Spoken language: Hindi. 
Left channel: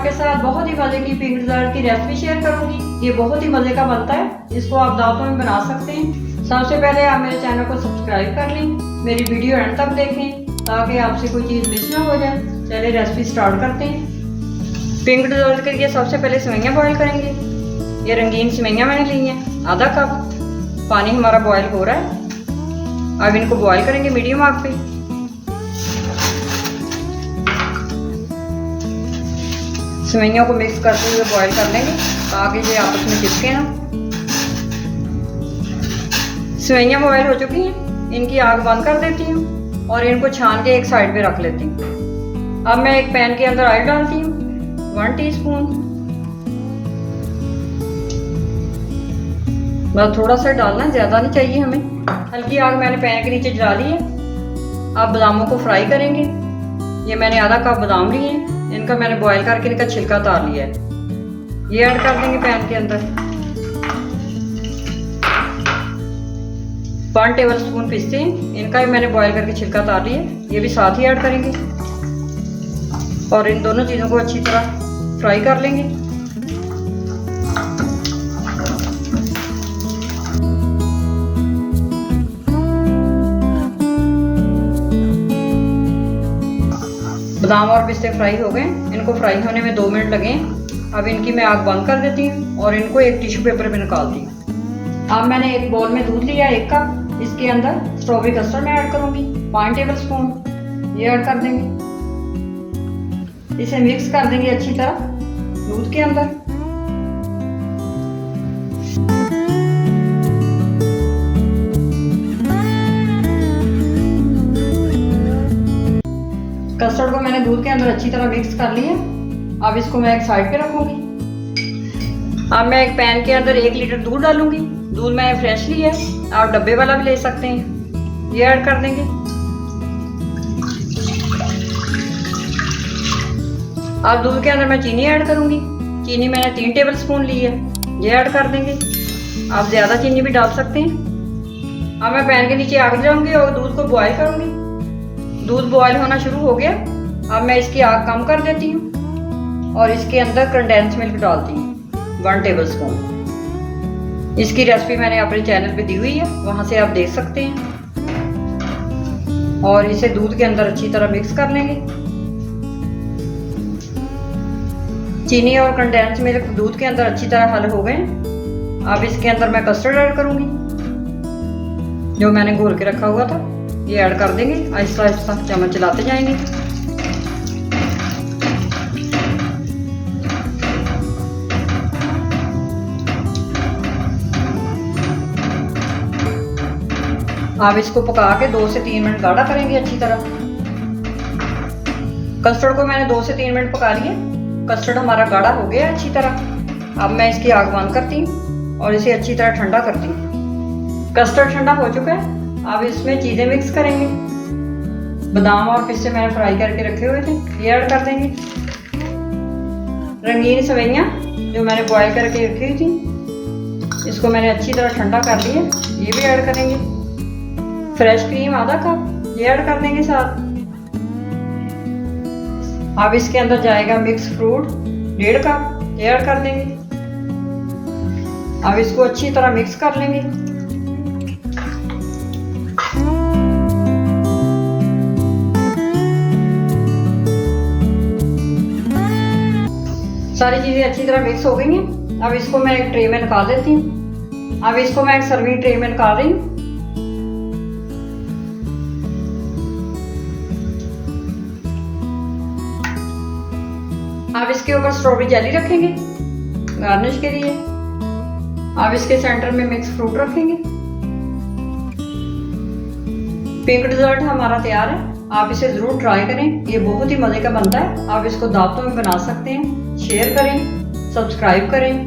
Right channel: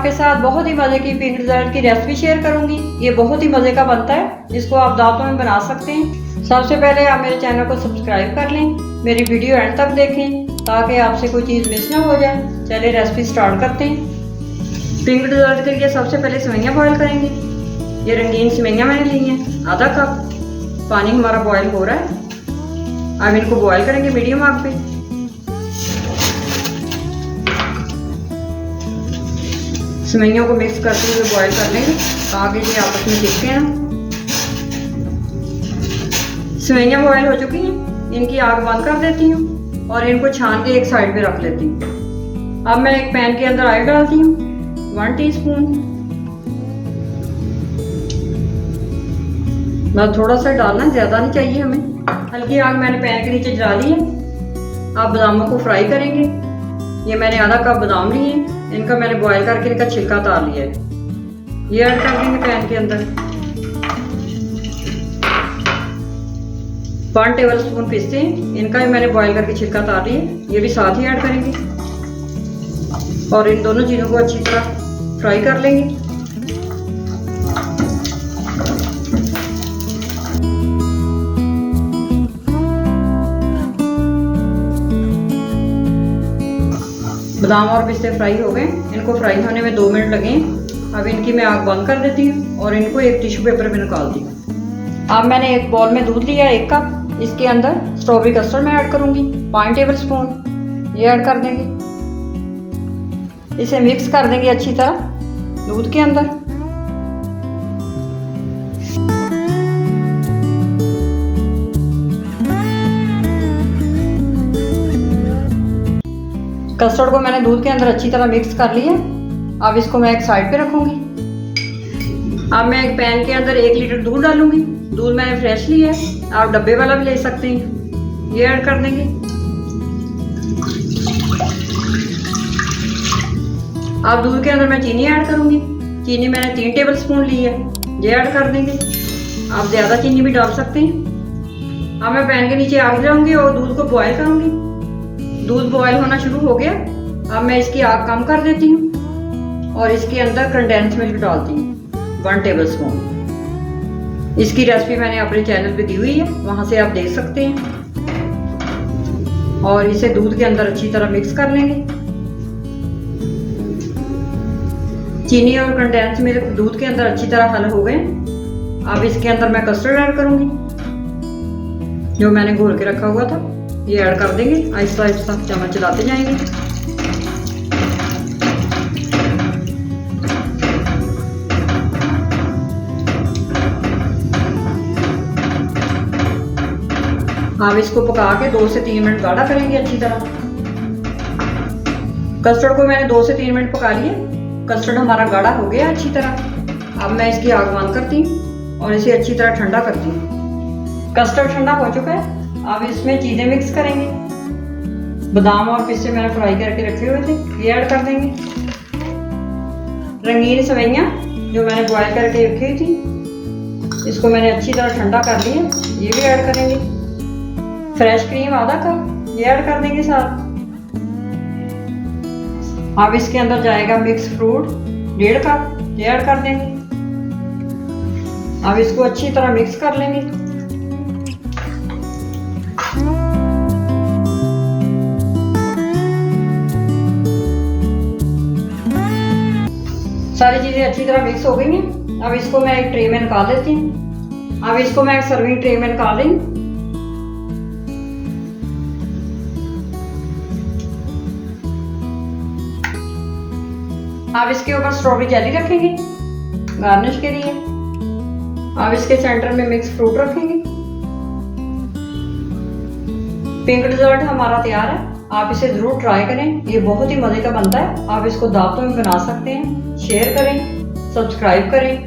आपके साथ बहुत ही मज़े की पिंक डिज़र्ट की रेसिपी शेयर करूंगी। ये बहुत ही मज़े का बनता है, इसको आप दावतों में बना सकते हैं। सबसे पहले आप मेरे चैनल को सब्सक्राइब कर लें, मेरी वीडियो एंड तक देखें ताकि आपसे कोई चीज़ मिस ना हो जाए। चलिए रेसिपी स्टार्ट करते हैं। पिंक डिज़र्ट के लिए सबसे पहले सेवइयाँ बॉयल करेंगे। ये रंगीन सेवइयाँ मैंने ली हैं, आधा कप। पानी हमारा बॉयल हो रहा है, अब इनको बॉयल करेंगे मीडियम आग पे। सेवइयों को मिक्स करते हुए बॉईल कर लेंगे ताकि ये आपस में चिपके ना। सेवइयाँ बॉईल हो चुकी हैं, इनकी आग बंद कर देती हूँ और इनको छान के एक साइड पे रख लेती हूँ। अब मैं एक पैन के अंदर ऑयल डालती हूँ 1 टीस्पून। बस थोड़ा सा डालना, ज़्यादा नहीं चाहिए हमें। हल्की आग मैंने पैन के नीचे जला ली है। अब बादामों को फ्राई करेंगे। ये मैंने आधा कप बादाम लिए हैं, इनका मैंने बॉईल करके इनका छिलका उतार लिया है। ये ऐड कर देंगे पैन के अंदर। 1 टेबलस्पून पिस्ते हैं, इनका भी मैंने बॉईल करके छिलका उतार लिया है, ये भी साथ ही ऐड करेंगे और इन दोनों चीज़ों को अच्छी तरह फ्राई कर लेंगे। बादाम और पिस्ते फ्राई हो गए, इनको फ्राई होने में 2 मिनट लगे। अब इनकी मैं आग बंद कर देती हूँ और इनको एक टिश्यू पेपर में निकालती हूँ। अब मैंने एक बाउल में दूध लिया 1 कप, इसके अंदर स्ट्रॉबेरी कस्टर्ड में ऐड करूँगी 5 टेबलस्पून। ये ऐड कर देंगे, इसे मिक्स कर देंगे अच्छी तरह दूध के अंदर। कस्टर्ड को मैंने दूध के अंदर अच्छी तरह मिक्स कर लिया। अब इसको मैं एक साइड पे रखूंगी। अब मैं एक पैन के अंदर 1 लीटर दूध डालूंगी। दूध मैंने फ्रेश लिया है, आप डब्बे वाला भी ले सकते हैं। ये ऐड कर देंगे। अब दूध के अंदर मैं चीनी ऐड करूंगी। चीनी मैंने 3 टेबलस्पून ली है, ये ऐड कर देंगे। आप ज़्यादा चीनी भी डाल सकते हैं। अब मैं पैन के नीचे आग जाऊंगी और दूध को बॉयल करूंगी। दूध बॉयल होना शुरू हो गया, अब मैं इसकी आग कम कर देती हूँ और इसके अंदर कंडेंस मिल्क डालती हूँ 1 टेबलस्पून। इसकी रेसिपी मैंने अपने चैनल पे दी हुई है, वहाँ से आप देख सकते हैं। और इसे दूध के अंदर अच्छी तरह मिक्स कर लेंगे। चीनी और कंडेंस मिल्क दूध के अंदर अच्छी तरह हल हो गए। अब इसके अंदर मैं कस्टर्ड ऐड करूँगी, जो मैंने घोल के रखा हुआ था। ये ऐड कर देंगे, आहिस्ता आहिस्ता चम्मच चलाते जाएंगे। अब इसको पका के 2 से 3 मिनट गाढ़ा करेंगे अच्छी तरह। कस्टर्ड को मैंने 2 से 3 मिनट पका लिया। कस्टर्ड हमारा गाढ़ा हो गया अच्छी तरह। अब मैं इसकी आग बंद करती हूँ और इसे अच्छी तरह ठंडा करती हूँ। कस्टर्ड ठंडा हो चुका है, अब इसमें चीज़ें मिक्स करेंगे। बादाम और पिस्ते मैंने फ्राई करके रखे हुए थे, ये ऐड कर देंगे। रंगीन सेवइयाँ जो मैंने बॉयल करके रखी हुई थी, इसको मैंने अच्छी तरह ठंडा कर लिया, ये भी ऐड करेंगे। फ्रेश क्रीम आधा कप, ये ऐड कर देंगे साथ। अब इसके अंदर जाएगा मिक्स फ्रूट 1.5 कप, ये ऐड कर देंगे। अब इसको अच्छी तरह मिक्स कर लेंगे। सारी चीज़ें अच्छी तरह मिक्स हो गई हैं। अब इसको मैं एक ट्रे में निकाल लेती हूँ। अब इसको मैं एक सर्विंग ट्रे में निकाल रही हूँ। अब इसके ऊपर स्ट्रॉबेरी जेली रखेंगे गार्निश के लिए। अब इसके सेंटर में मिक्स फ्रूट रखेंगे। पिंक डिज़र्ट हमारा तैयार है, आप इसे ज़रूर ट्राई करें। ये बहुत ही मज़े का बनता है। आप इसको दावतों में बना सकते हैं। शेयर करें, सब्सक्राइब करें।